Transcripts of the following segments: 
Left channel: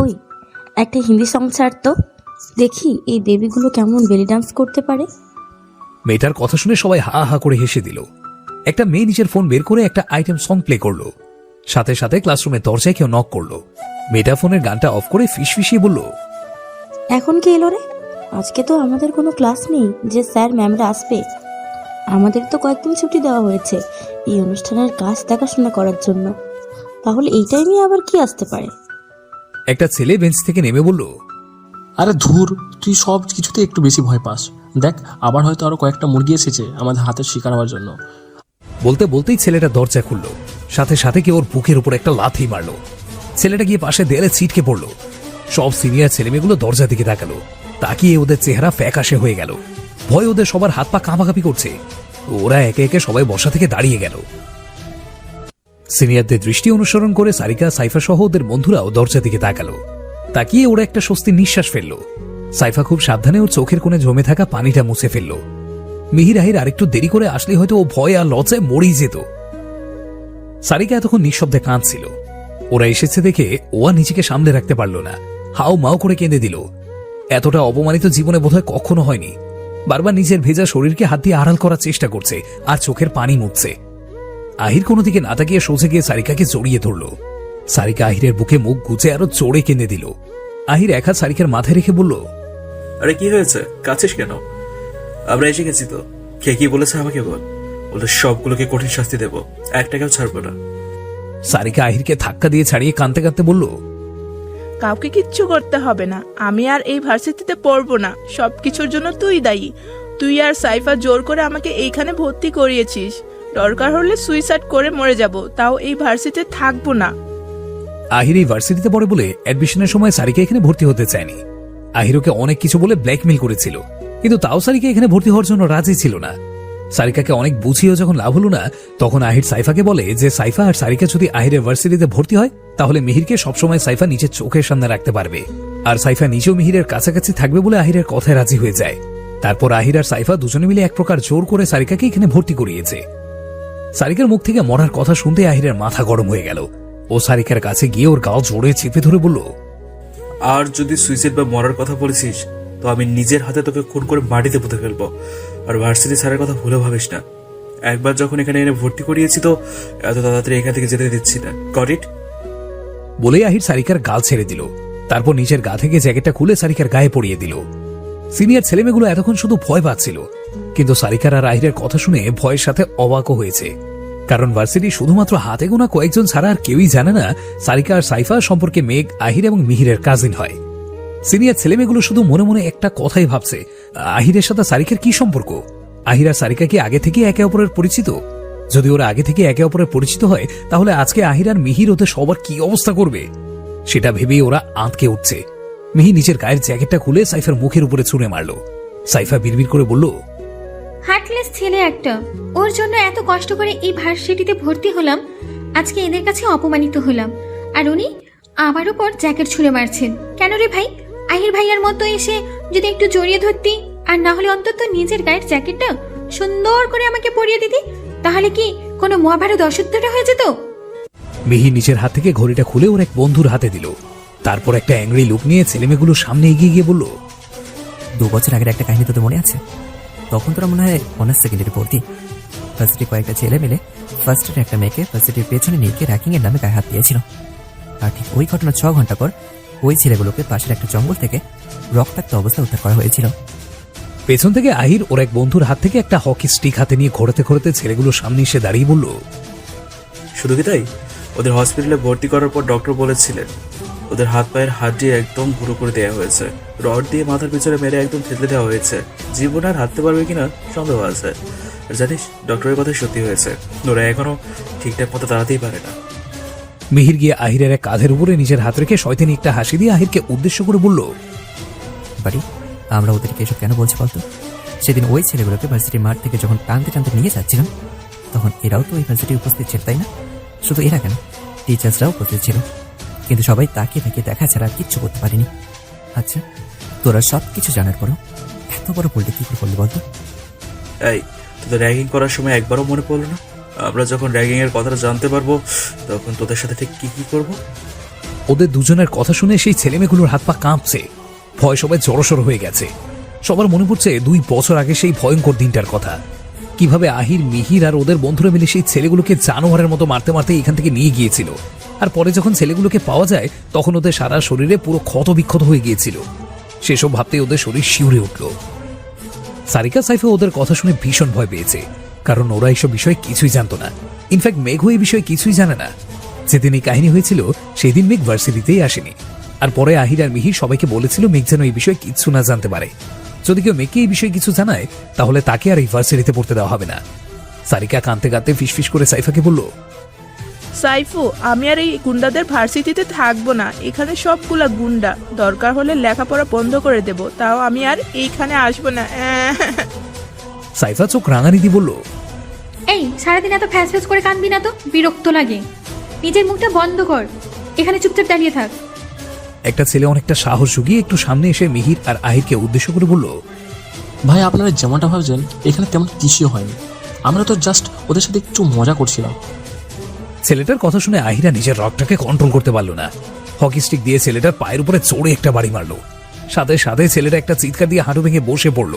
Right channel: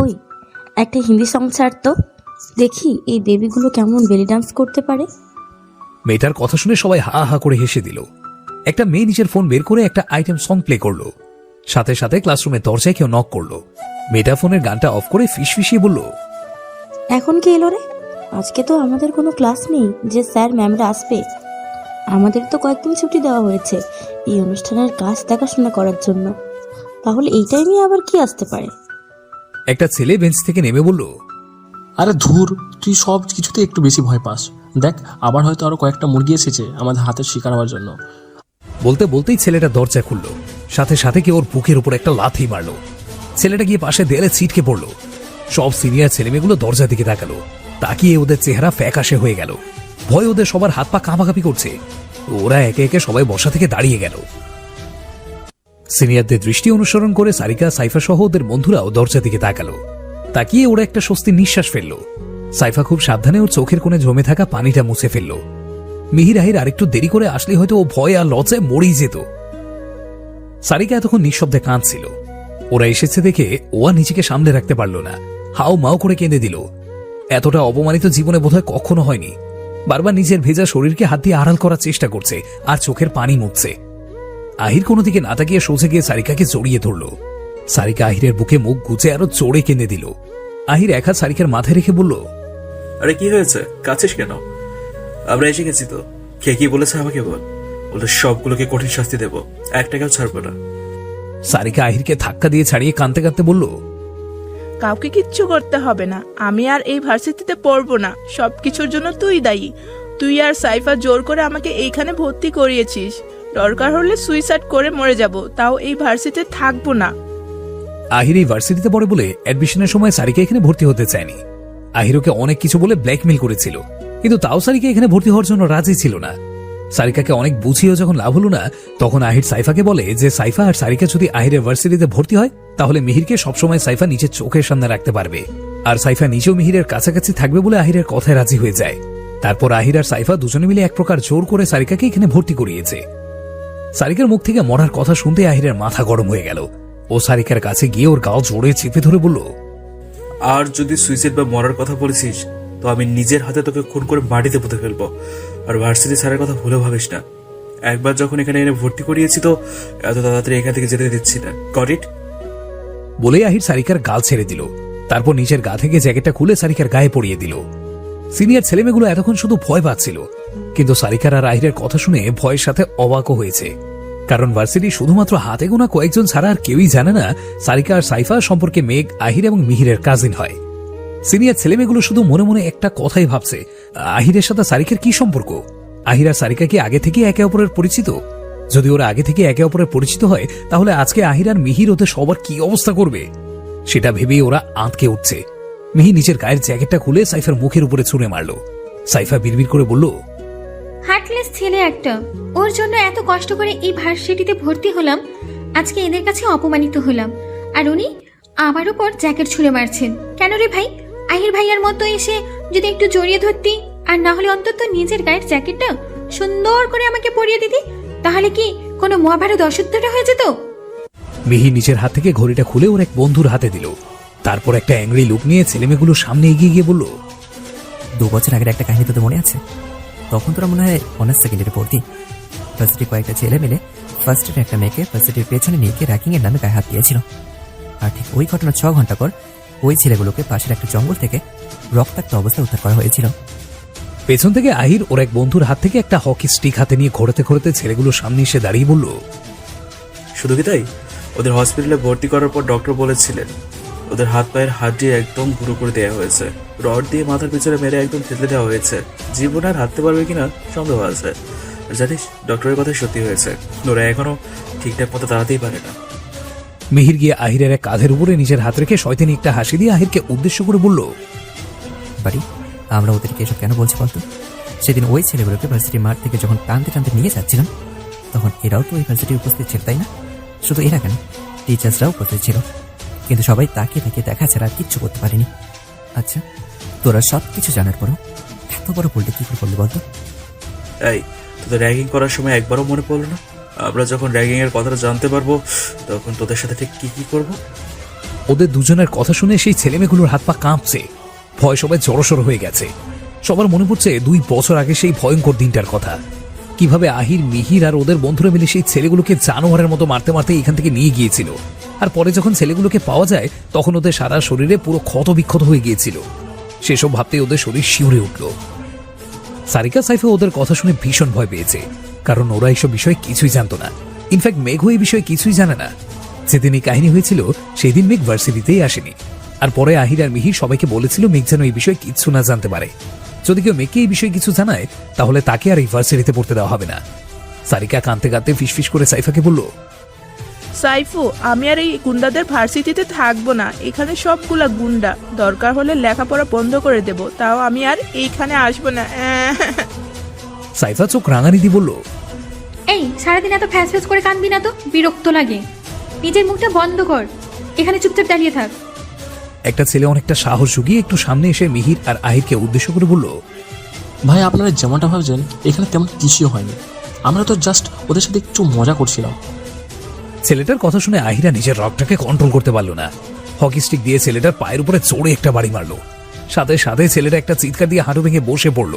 ওই একটা হিন্দি সং ছাড় তো, দেখি এই বেবিগুলো কেমন বেলি ডান্স করতে পারে। মেয়েটার কথা শুনে সবাই হা হা করে হেসে দিল। একটা মেয়ে নিজের ফোন বের করে একটা আইটেম সং প্লে করলো। সাথে সাথে ক্লাসরুমের দরজায় কেউ নক করলো। মেয়েটা ফোনের গানটা অফ করে ফিসফিসিয়ে বলল, এখন কে এলো রে? আজকে তো আমাদের কোনো ক্লাস নেই যে স্যার ম্যামরা আসবে। আমাদের তো কয়েকদিন ছুটি দেওয়া হয়েছে এই অনুষ্ঠানের কাজ দেখাশোনা করার জন্য। তাহলে এই টাইমে আবার কি আসতে পারে? একটা ছেলে বেঞ্চ থেকে নেমে বলল, আরে ধুর, তুই সব কিছুতে একটু বেশি ভয় পাস। দেখ, আবার হয়তো আরো কয়েকটা মুরগি এসেছে আমাদের হাতের শিকার হওয়ার জন্য। বলতে বলতেই ছেলেটা দরজা খুলল। সাথে সাথে কেউ ওর বুকের উপর একটা লাথি মারলো। ছেলেটা গিয়ে পাশে দেয়ালে ছিটকে পড়লো। সব সিনিয়র ছেলেমেয়েগুলো দরজা দিকে তাকালো। তাকিয়ে ওদের চেহারা ফ্যাকাশে হয়ে গেল। ভয় ওদের সবার হাত পা কাঁপাকাঁপি করছে। ওরা একে একে সবাই বসা থেকে দাঁড়িয়ে গেল। সিনিয়রদের দৃষ্টি অনুসরণ করে সারিকা, সাইফা সহ ওদের বন্ধুরাও দরজা দিকে তাকালো। তাকিয়ে ওরা একটা স্বস্তির নিঃশ্বাস ফেললো। সাইফা খুব সাবধানে ওর চোখের কোণে জমে থাকা পানিটা মুছে ফেললো। মিহির আহির আরেকটু দেরি করে আসলে হয়তো ও ভয় আর লজ্জায় মরেই যেত। সারিকা এতক্ষণ নিঃশব্দে কাঁদছিল। ওরা এসেছে দেখে ও আর নিজেকে সামলে রাখতে পারল না। হাও মাও করে কেঁদে দিল। এতটা অপমানিত জীবনে বোধহয় কখনো হয়নি। বারবার নিজের ভেজা শরীরকে হাত দিয়ে আড়াল করার চেষ্টা করছে আর চোখের পানি মুছছে। আহির কোনো দিকে না তাকিয়ে সোজে গিয়ে সারিকাকে জড়িয়ে ধরল। সারিকা আহিরের বুকে মুখ গুজে আরো জোরে কেঁদে দিল। আহির এক হাত সারিকার মাথায় রেখে বলল, আরে কি হয়েছে, কাছিস কেন? আমরা এসে গেছি তো। কে কি বলেছে আমাকে বল। ওদের সবগুলোকে কঠিন শাস্তি দেব, একটাকেও ছাড়বো না। সারিকা আহিরকে ধাক্কা দিয়ে ছাড়িয়ে কাঁদতে কাঁদতে বলল, কাউকে কিচ্ছু করতে হবে না। আমি আর এই ভার্সিটিতে পড়বো না। সবকিছুর জন্য তুই দায়ী। তুই আর সাইফা জোর করে আমাকে এইখানে ভর্তি করিয়েছিস। দরকার হলে সুইসাইড করে মরে যাব, তাও এই ভার্সিটিতে থাকবো না। আহির এই ভার্সিটিতে পড়ে বলে অ্যাডমিশনের সময় সারিকা এখানে ভর্তি হতে চায়নি। আহির ওকে অনেক কিছু বলে ব্ল্যাকমেল করেছিল, কিন্তু তাও সারিকা এখানে ভর্তি হওয়ার জন্য রাজি ছিল না। সারিকাকে অনেক বুঝিয়েও যখন লাভ হলো না, তখন আহির সাইফাকে বলে যে সাইফা আর সারিকা যদি আহিরের ভার্সিটিতে ভর্তি হয় তাহলে মিহিরকে সবসময় সাইফা নিজের চোখের সামনে রাখতে পারবে। আর সাইফা নিজেও মিহিরের কাছাকাছি থাকবে বলে আহিরের কথায় রাজি হয়ে যায়। তারপর আহির আর সাইফা দুজনে মিলে এক প্রকার জোর করে সারিকাকে এখানে ভর্তি করিয়েছে। সারিকার মুখ থেকে মরার কথা শুনতে আহিরের মাথা গরম হয়ে গেল। ও সারিকার কাছে গিয়ে ওর গাল জোরে চেপে ধরে বলল, আর যদি সুইসাইড বা মরার কথা বলেছিস তো আমি নিজের হাতে তোকে খুন করে মাটিতে পুঁতে ফেলবো। আর ভার্সিটি ছাড়ার কথা ভুলে ভাবিস না। একবার যখন এখানে এনে ভর্তি করিয়েছি তো এত তাড়াতাড়ি এখান থেকে যেতে দিচ্ছি না। Got it? বলেই আহির সারিকার গাল ছেড়ে দিল। তারপর নিজের গা থেকে জ্যাকেটটা খুলে সারিকার গায়ে পরিয়ে দিল। সিনিয়র ছেলেমেয়েগুলো এতক্ষণ শুধু ভয় পাচ্ছিল, কিন্তু সারিকার আর আহিরের কথা শুনে ভয়ের সাথে অবাকও হয়েছে। কারণ ভার্সিটি শুধুমাত্র হাতে গোনা কয়েকজন ছাড়া আর কেউই জানে না সারিকা আর সাইফা সম্পর্কে মেঘ, আহির এবং মিহিরের কাজিন হয়। সিনিয়র ছেলেমেয়েগুলো শুধু মনে মনে একটা কথাই ভাবছে, আহিরের সাথে সারিকার কি সম্পর্ক? আহির আর সারিকা কি আগে থেকে একে অপরের পরিচিত? যদি ওরা আগে থেকে একে অপরের পরিচিত হয় তাহলে আজকে আহির আর মিহির ওদের সবার কি অবস্থা করবে সেটা ভেবেই ওরা আঁতকে উঠছে। মিহি নিজের গায়ের জ্যাকেটটা খুলে সাইফার মুখের উপরে ছুঁড়ে মারল। সাইফা বিড়বিড় করে বলল, হার্টলেস ছেলে একটা, ওর জন্য এত কষ্ট করে এই ভার্সিটিতে ভর্তি হলাম, আজকে এদের কাছে অপমানিত হলাম, আর উনি আমার উপর জ্যাকেট ছুঁড়ে মারছেন কেন রে ভাই? আহির ভাইয়ার মতো এসে যদি একটু জড়িয়ে ধরতি, আর না হলে অন্তত নিজের গায়ের জ্যাকেটটা সুন্দর করে আমাকে পরিয়ে দিতি, তাহলে কি কোনো মহাভারত অশুদ্ধটা হয়ে যেত? মিহি নিজের হাত থেকে ঘড়িটা খুলে ওর এক বন্ধুর হাতে দিল। তারপর একটা অ্যাংরি লুক নিয়ে ছেলেমেয়েগুলোর সামনে এগিয়ে গিয়ে বলল, 2 বছর আগের একটা কাহিনী তোদের মনে আছে? তখন তোরা মনে হয় অনার্স সেকেন্ডারি পড়তি। ভার্সিটির কয়েকটা ছেলে মিলে ফার্স্ট ইয়ারে একটা মেয়েকে ভার্সিটির পেছনে নিয়ে গিয়ে র্যাকিং এর নামে গায়ে হাত দিয়েছিল। আর ঠিক ওই ঘটনা 6 ঘন্টা পর ওই ছেলেগুলোকে পাশের একটা জঙ্গল থেকে রক্তাক্ত অবস্থায় উদ্ধার করা হয়েছিল। পেছন থেকে আহির ওর এক বন্ধুর হাত থেকে একটা হকি স্টিক হাতে নিয়ে ঘোরাতে ঘোরাতে ছেলেগুলোর সামনে এসে দাঁড়িয়ে বলল, শুধু কি তাই, ওদের হসপিটালে ভর্তি করার পর ডক্টর বলেছিলেন ওদের হাত পায়ের হাড্ডি একদম গুঁড়ো করে দেওয়া হয়েছে, রড দিয়ে মাথার পিছনে মেরে একদম থেতলে দেওয়া হয়েছে। জীবন আর হাঁটতে পারবে কিনা সন্দেহ আছে। আর জানিস, ডক্টরের কথা সত্যি হয়েছে, ওরা এখনো ঠিকঠাক মতো দাঁড়াতেই পারে না। মিহির গিয়ে আহিরের এক কাঁধের উপরে নিজের হাত রেখে শয়তানি একটা হাসি দিয়ে আহিরকে উদ্দেশ্য করে বলল, বাড়ি আমরা ওদেরকে এসব কেন বলছি বলতো? সেদিন ওই ছেলেগুলোকে ভার্সিটির মাঠ থেকে যখন টানতে টানতে নিয়ে যাচ্ছিলাম, তখন এরাও তো ওই ভার্সিটি উপস্থিত ছিল, তাই না? শুধু এরা কেন, টিচার্সরাও উপস্থিত ছিল, কিন্তু সবাই তাকিয়ে তাকিয়ে দেখা ছাড়া আর কিচ্ছু করতে পারিনি। আচ্ছা, তোরা সব কিছু জানার পরও এত বড় বলতে কি করে বললি বলতো? এই, তোদের র্যাগিং করার সময় একবারও মনে পড়লো না আমরা যখন র্যাগিং এর কথাটা জানতে পারবো তখন তোদের সাথে ঠিক কি কি করবো? ওদের দুজনের কথা শুনে সেই ছেলেমেয়েগুলোর হাত পা কাঁপছে, ভয় সবাই জড়সড় হয়ে গেছে। সবার মনে পড়ছে 2 বছর আগে সেই ভয়ঙ্কর দিনটার কথা, কিভাবে আহির, মিহির আর ওদের বন্ধুরা মিলে সেই ছেলেগুলোকে জানোয়ারের মতো মারতে মারতে এখান থেকে নিয়ে গিয়েছিল। আর পরে যখন ছেলেগুলোকে পাওয়া যায় তখন ওদের সারা শরীরে পুরো ক্ষত বিক্ষত হয়ে গিয়েছিল। সেসব ভাবতে ওদের শরীর শিউরে উঠল। সারিকা সাইফা ওদের কথা শুনে ভীষণ ভয় পেয়েছে, কারণ ওরা এইসব বিষয়ে কিছুই জানতো না। ইনফ্যাক্ট মেঘও এই বিষয়ে কিছুই জানে না। যেদিন এই কাহিনী হয়েছিল সেদিন মেঘ ভার্সিটিতেই আসেনি। আর পরে আহির আর মিহির সবাইকে বলেছিল মেঘ যেন এই বিষয়ে কিছু না জানতে পারে। যদি কেউ মেঘকে এই বিষয়ে কিছু জানায় তাহলে তাকে আর এই ভার্সিটিতে পড়তে দেওয়া হবে না। সারিকা কাঁদতে কাঁদতে ফিসফিস করে সাইফাকে বলল, সাইফু, আমি আর এই গুন্ডাদের ভার্সিটিতে থাকবো না। এখানে সবগুলা গুন্ডা, দরকার হলে লেখাপড়া বন্ধ করে দেব, তাও আমি আর এইখানে আসবো না। সাইফা চোখ রাঙানি দিয়ে বলল, এই সারাদিন এত ফ্যাস ফ্যাস করে কাঁদবি না তো, বিরক্ত লাগে। নিজের মুখটা বন্ধ কর, এখানে চুপচাপ দাঁড়িয়ে থাক। একটা ছেলে অনেকটা সাহস জুগিয়ে একটু সামনে এসে মিহির আর আহিরকে উদ্দেশ্য করে বলল, ভাই আপনারা যেমনটা ভাবছেন এখানে তেমন কিছুই হয়নি, আমরা তো জাস্ট ওদের সাথে একটু মজা করছিলাম। ছেলেটার কথা শুনে আহিরা নিজের রগটাকে কন্ট্রোল করতে পারল না। হকি স্টিক দিয়ে ছেলেটার পায়ের উপরে চড়ে একটা বাড়ি মারলো। সাথে সাথে ছেলেটা একটা চিৎকার দিয়ে হাঁটু ভেঙে বসে পড়ল।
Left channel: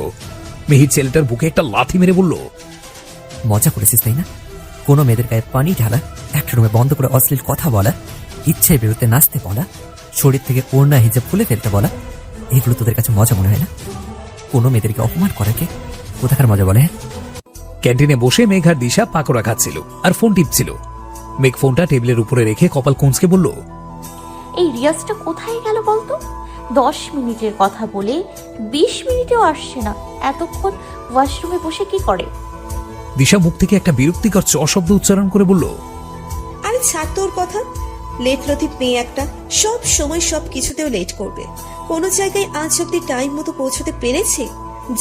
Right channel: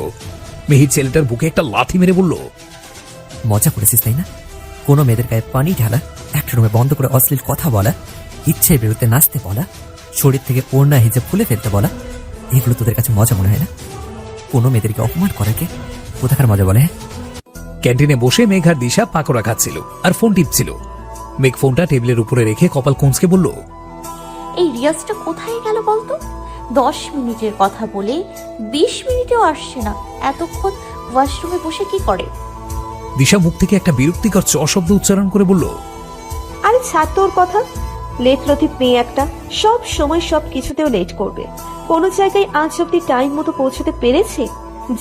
মিহির ছেলেটার বুকে একটা লাথি মেরে বলল, মজা করেছিস তাই না? কোনো মেয়েদের গায়ে পানি ঢালা, একটা রুমে বন্ধ করে অশ্লীল কথা বলা, ইচ্ছের বিরুদ্ধে নাচতে বলা, শরীর থেকে ওড়না হিজাব খুলে ফেলতে বলা, এগুলো তোদের কাছে মজা মনে হয় না? কোনো মেয়েদেরকে অপমান করাকে কোথাকার মজা বলে? ক্যান্টিনে বসে মেঘ আর দিশা পাকোড়া খাচ্ছিল আর ফোন টিপছিল। মেঘ ফোনটা টেবিলের উপরে রেখে কপাল কুঁচকে বলল, এই রিয়াজটা কোথায় গেল বলতো? 10 মিনিটের কথা বলে 20 মিনিটেও আসছে না। এতক্ষণ ওয়াশরুমে বসে কি করে? দিশা মুখ থেকে একটা বিরক্তিকর চ শব্দ উচ্চারণ করে বলল, আরে ছাড় তোর কথা। লেট লতিফ মেয়ে একটা, সব সময় সব কিছুতেও লেট করবে। কোনো জায়গায় আজ অব্দি টাইম মতো পৌঁছতে পেরেছে?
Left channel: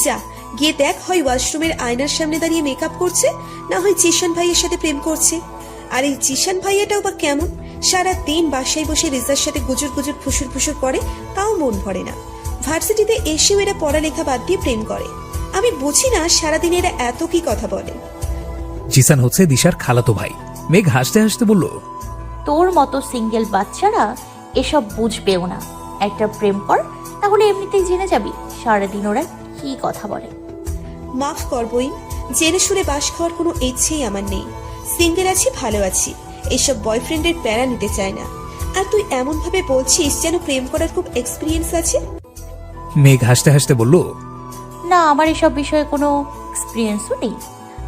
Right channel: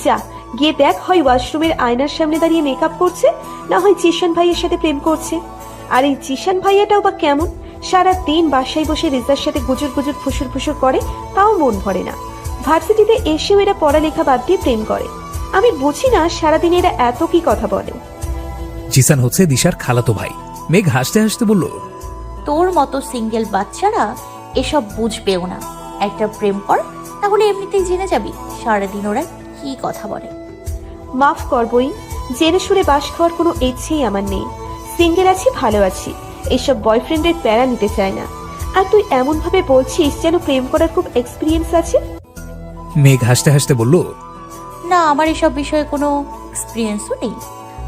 যা গিয়ে দেখ, হয় ওয়াশরুমের আয়নার সামনে দাঁড়িয়ে মেকআপ করছে, না হয় জিশান ভাইয়ের সাথে প্রেম করছে। আর এই জিশান ভাইয়াটাও বা কেমন, সারা দিন বাসায় বসে রিজার সাথে গুজুর গুজুর ফুসুর ফুসুর করে, তাও মন ভরে না। ভার্সিটিতে এসেও এরা পড়ালেখা বাদ দিয়ে প্রেম করে। আমি বুঝি না সারাদিন এরা এত কি কথা বলে। জিসান হচ্ছে দিশার খালাতো ভাই। মেঘ হাসতে হাসতে বলল, তোর মতো সিঙ্গেল বাচ্চারা এসব বুঝবেও না। একটা প্রেম কর, তাহলে এমনিতেই জেনে যাবি সারাদিন ওরা কি কথা বলে। মাফ কর বই, জেনে শুনে বাস খাওয়ার কোনো ইচ্ছেই আমার নেই। সিঙ্গেল আছি, ভালো আছি, এসব বয়ফ্রেন্ডের প্যারা নিতে চায় না। আর তুই এমন ভাবে বলছিস যেন প্রেম করার খুব এক্সপিরিয়েন্স আছে। মেঘ হাসতে হাসতে বলল, না, আমার এসব বিষয়ে কোনো এক্সপিরিয়েন্সও নেই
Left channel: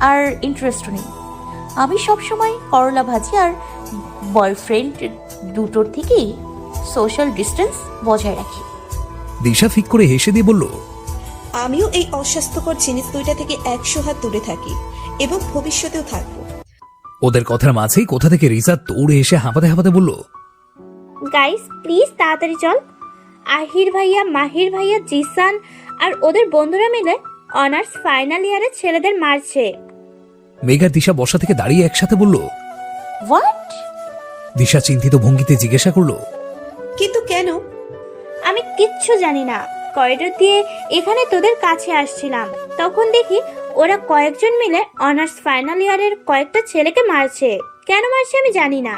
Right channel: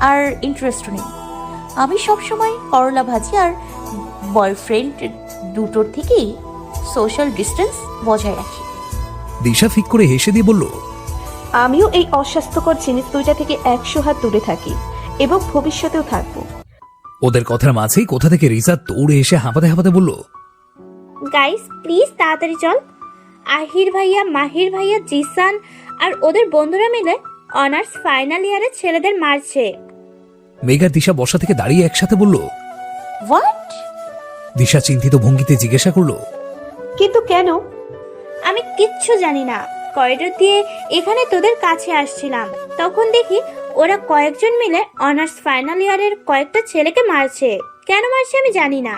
আর ইন্টারেস্টও নেই। আমি সবসময় করলা ভাজি আর বয়ফ্রেন্ড দুটোর থেকেই সোশ্যাল ডিস্টেন্স বজায় রাখি। দিশা ফিক করে হেসে দিয়ে বলল, আমিও এই অস্বাস্থ্যকর জিনিস দুইটা থেকে 100 হাত দূরে থাকি এবং ভবিষ্যতেও থাকবো। ওদের কথার মাঝেই কোথা থেকে রিজা দৌড়ে এসে হাঁপাতে হাঁপাতে বলল, গাইস প্লিজ তাড়াতাড়ি চল। আহির ভাইয়া, মাহির ভাইয়া, জিসান আর ওদের বন্ধুরা মিলে অনার্স ফাইনাল ইয়ারের ছেলেদের মারছে। মেঘ আর দিশা বসা থেকে দাঁড়িয়ে একসাথে বলল, হোয়াট? দিশা চিন্তিত ভঙ্গিতে জিজ্ঞাসা করলো, কিন্তু কেন? আমি কিচ্ছু জানি না। করিডোর দিয়ে এখানে তোদের কাছে আসছিলাম, তখন দেখি ওরা কয়েকজন মিলে অনার্স ফাইনাল ইয়ারের কয়েকটা ছেলেকে মারছে। কেন মারছে আমি জানি না।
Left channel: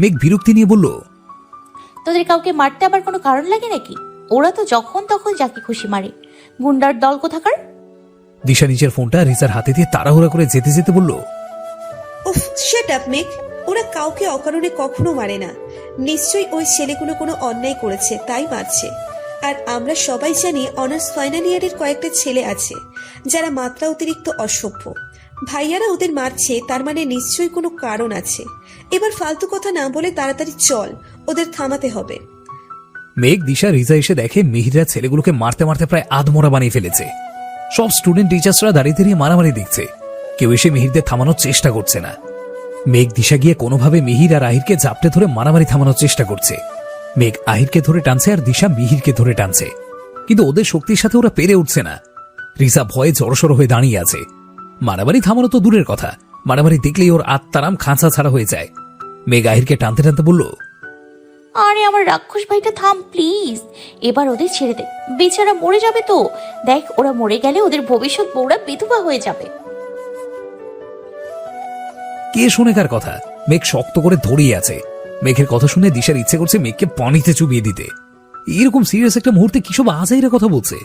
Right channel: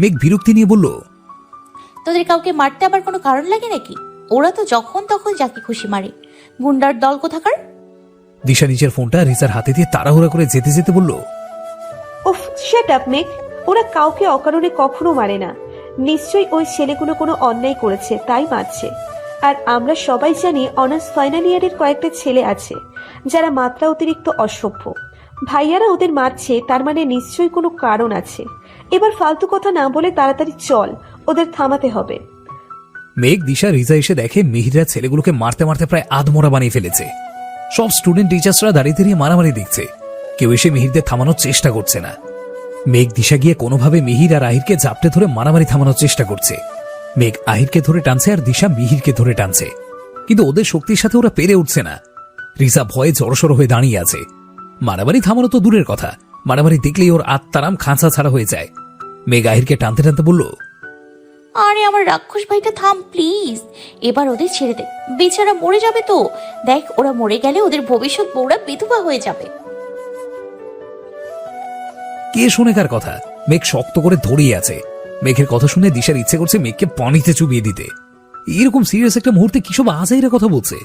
মেঘ বিরক্তি নিয়ে বলল, তোদের কাউকে মারতে আবার কোনো কারণ লাগে নাকি? ওরা তো যখন তখন যাকে খুশি মারে। গুন্ডার দল কোথাকার। দিশা নিজের ফোনটা রিজার হাতে দিয়ে তাড়াহুড়া করে যেতে যেতে বলল, উফ, শাট আপ মেঘ। ওরা কাউকে অকারণে কখনো মারে না। নিশ্চয়ই ওই ছেলেগুলো কোনো অন্যায় করেছে তাই মারছে। আর আমরা সবাই জানি অনার্স ফাইনাল ইয়ারের কয়েকটা ছেলে আছে যারা মাত্রা অতিরিক্ত অসভ্য। ভাইয়ারা ওদের মারছে, তার মানে নিশ্চয়ই কোনো কারণ আছে। এবার ফালতু কথা না বলে তাড়াতাড়ি চল, ওদের থামাতে হবে। মেঘ, দিশা, রিজা এসে দেখে মিহিরা ছেলেগুলোকে মারতে মারতে প্রায় আধমরা বানিয়ে ফেলেছে। সব স্টুডেন্ট টিচার্সরা দাঁড়িয়ে দাঁড়িয়ে মারামারি দেখছে, কেউ এসে মিহিরদের থামানোর চেষ্টা করছে না। মেঘ, দিশা গিয়ে কোনোভাবে মিহির আর আহিরকে জাপটে ধরে মারামারি থামানোর চেষ্টা করছে। মেঘ আহিরকে ধরে টানছে আর দিশা মিহিরকে ধরে টানছে, কিন্তু ওদের শক্তির সাথে ওরা পেরে উঠছে না। রিজা ভয়ে জড়সড় হয়ে দাঁড়িয়ে আছে। মারামারি থামানো তো দূরের কথা, মারামারি দেখলেই ওর আত্মারাম খাঁচা ছাড়া হয়ে যায়। মেঘ আহিরকে টানতে টানতে বলল, আরে আমার রাক্ষস ভাইটা থাম প্লিজ, এবার ওদের ছেড়ে দে। বেচারা মরে যাবে তো। দেখ, ওরা মরে গেলে ওদের ভবিষ্যৎ বউরা বিধবা হয়ে যাবে। কে শোনে কার কথা? মেঘ শক্ত করে ধরিয়ে আছে। মেঘের কথা শুনে দিশার ইচ্ছে করছে মেঘকে পানিতে চুবিয়ে দিতে। এরকম সিরিয়াস একটা মুহূর্তে কিসব আজাইরা কথা বলছে।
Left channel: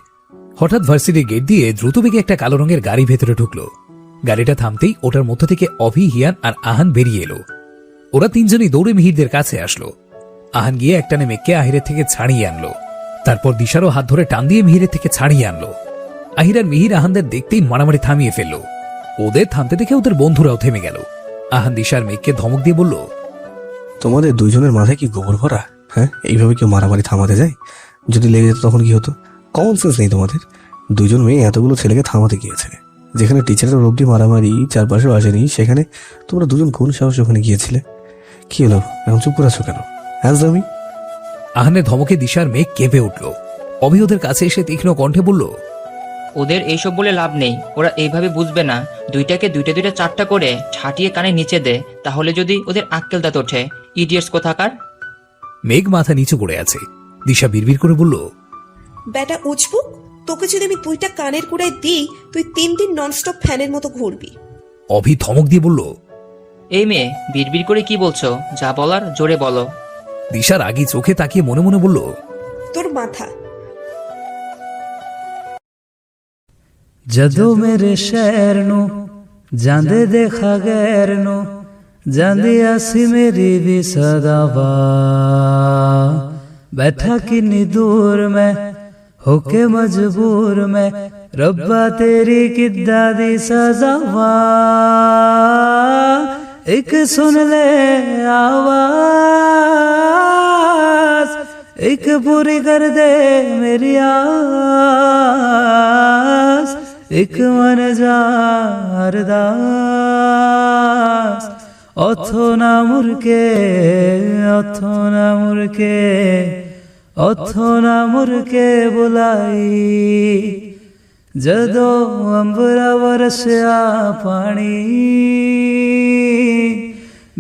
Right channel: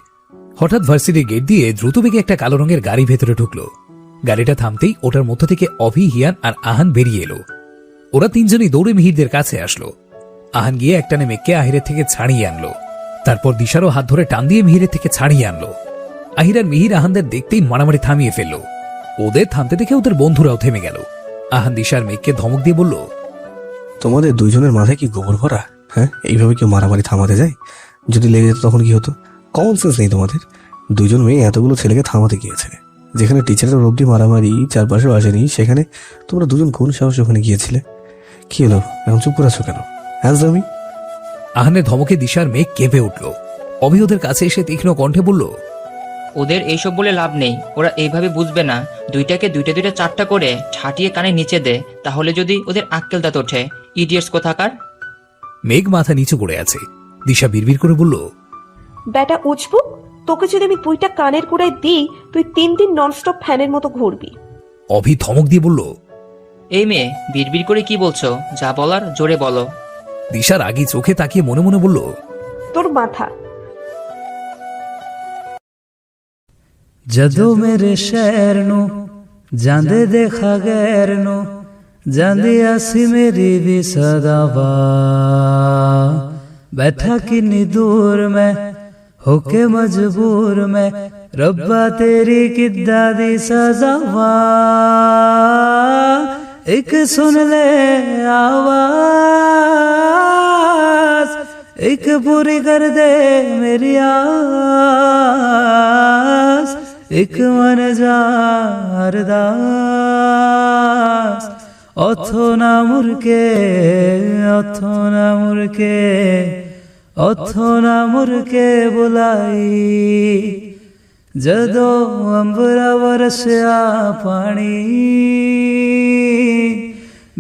হঠাৎ ভার্সিটির গেট দিয়ে দ্রুত বেগে একটা কালো রঙের গাড়ি ভেতরে ঢুকলো। গাড়িটা থামতেই ওটার মধ্য থেকে অভি, হিয়ান আর আহান বেরিয়ে এলো। ওরা তিনজনই দৌড়ে মিহিরদের কাছে আসলো। আহান গিয়ে একটানে মেঘকে আহিরের থেকে ছাড়িয়ে আনলো। তারপর দিশারও হাত ধরে টান দিয়ে মিহিরের থেকে ছাড়িয়ে আনলো। আহির আর মিহির আহানদের দেখতেই মারামারি থামিয়ে ফেললো। ওদের থামতে দেখে ওদের বন্ধুরাও থেমে গেল। আহান দিশার মেঘকে ধমক দিয়ে বলল, তোমাদের দুইজনের মাথায় কি গোবর ভরা? হ্যাঁ, এইভাবে কেউ মারামারি থামাতে যায়? যদি লেগে যেত তখন কি হতো? কমন সেন্স নেই তোমাদের। দুইজন মেয়ে এতগুলো ছেলেকে থামাতে গিয়েছে, যেখানে টিচারের অবধি মারামারি চারপাশেও আসেনি, সেখানে তোমরা দুজন কোন সাহসে ওখানে গিয়েছিলে? কি হলো, এখন চুপ করে আছো কেন? আমি আহানের ধমকে দিশার মেঘ কেঁপে উঠল। অভি ওদের কাছে এসে তীক্ষ্ণ কণ্ঠে বলল, ওদের এইসব বলে লাভ নেই, ওরা এইভাবে বুঝবে না। দুইটাকে দুইটা চারটা করে ঠাটিয়ে কানে নিচে দে, তাহলে যদি ওদের আক্কেল দাঁত ওঠে। ইডিয়েটস কোথাকার। মেঘ মাথা নিচু করে আছে। দিশা বিড়বিড় করে বলল, বেটা উজবুক, তোকে যদি আমি 2টা কানের কুড়ায় দিই, তুই 3 দিন ননস্টপ ফ্যানের মতো ঘুরবি। অভি ধমক দিয়ে বলল, এই মেয়ে বিড়বিড় করে কি বলছো? যা বলার জোরে বলো। দিশার আগি চোখে তাকিয়ে মনে মনে বলল, তোর মাথা। जदों मेरे शहर नू जांदे देखा गैर नू जांदी आसी मेरी भी सदावा बैठा किन्नी दूर मैं होके मजबूर मैं रब्बा तेरी किद्दा दी सजावा एक सुन ले आवाज एक पूरी कर दे मेरी आस एक मन जारदास অথো না মুরকে অথো না মুরকে অথো না মুরকে বুলাই ਜਦੋਂ ਅੰਬਰਾ ਵਰਸਿਆ ਪਾਣੀ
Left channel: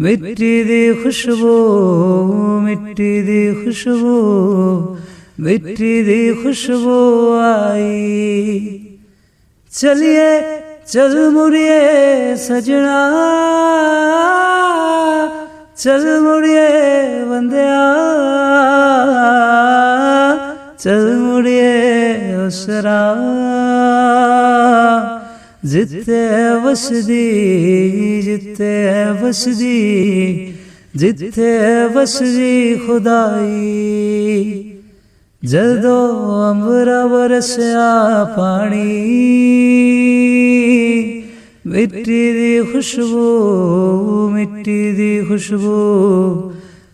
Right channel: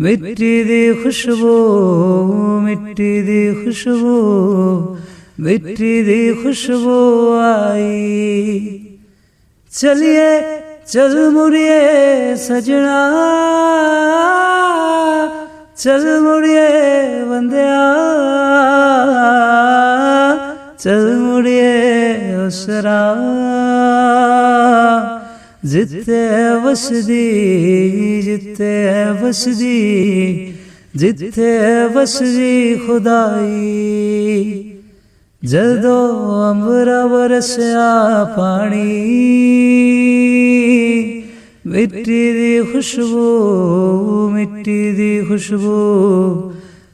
ਮਿੱਟੀ ਦੀ ਖੁਸ਼ਬੂ ਮਿੱਟੀ ਦੀ ਖੁਸ਼ਬੂ ਮਿੱਟੀ ਦੀ ਖੁਸ਼ਬੂ ਆਈ चलिए चल मुड़िए सजना चल मुड़िए बंदिया चल मुड़िए उसरा जिते बसदी जिते बसदी जिते बसदी खुदाई जदों अंबरा बरसिया पानी मिट्टी दी खुशबू मिट्टी दी खुशबू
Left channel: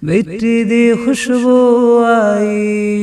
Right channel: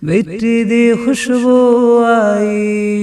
मिट्टी दी खुशबू आई